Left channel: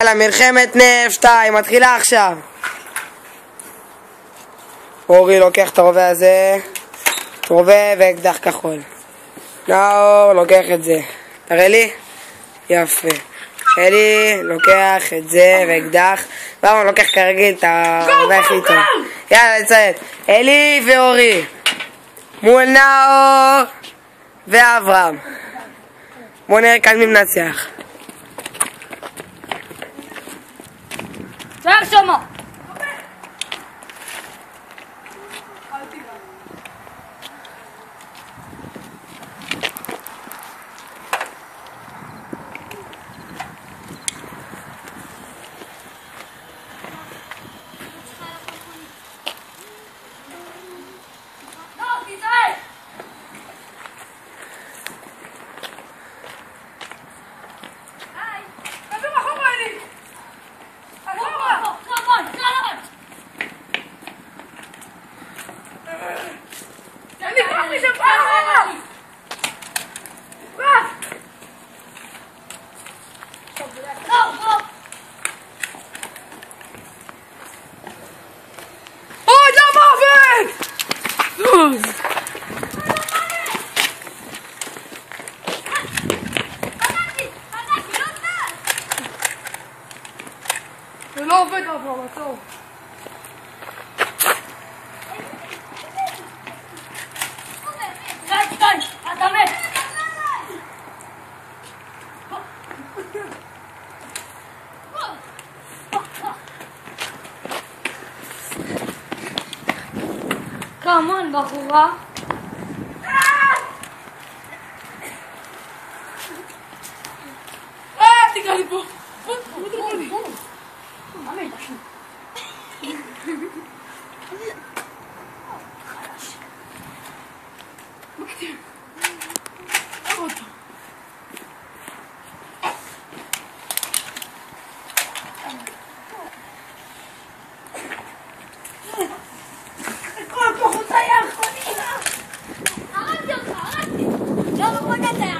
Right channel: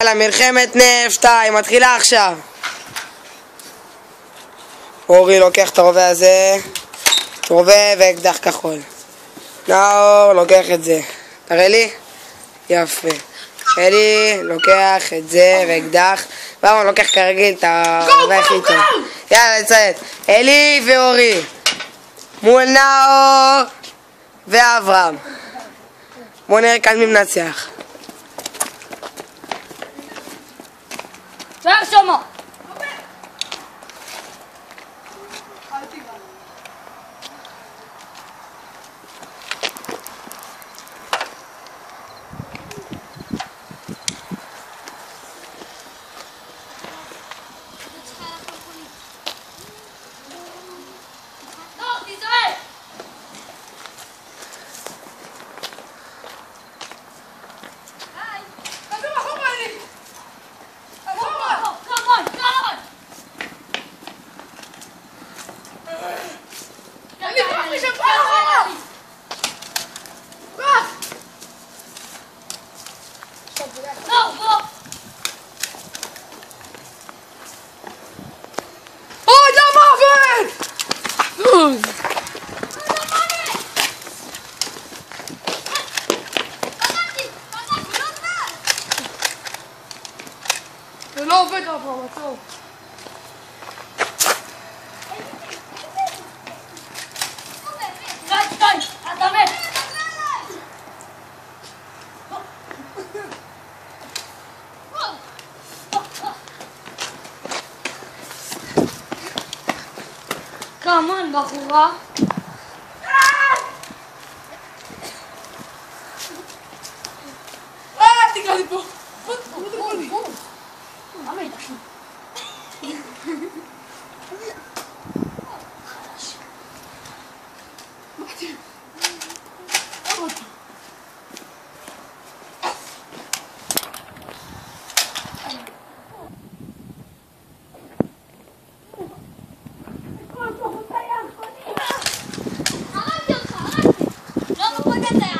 יאללה, מלחמת נפט 2 מתחילה עכשיו. אורי לוקח את הרובה הזה, רובה ואקדח כחול. נאור לוקח את זה, תראה לי? יפה. אלי לוקח את זה ואקדח, ואמר לוקח כרגיל את הרובה הכי טוב. יאללה, לציית. אלי ואורי מול נאור ואברהם. בואו נראה כאן מי מנצח. שואר שמה. זה לא עובד אבל, טוב. אתה מת. כמון בחורה. תקרא לי פה. הרגתי אותך, הרגתי. לא, לא פגעת.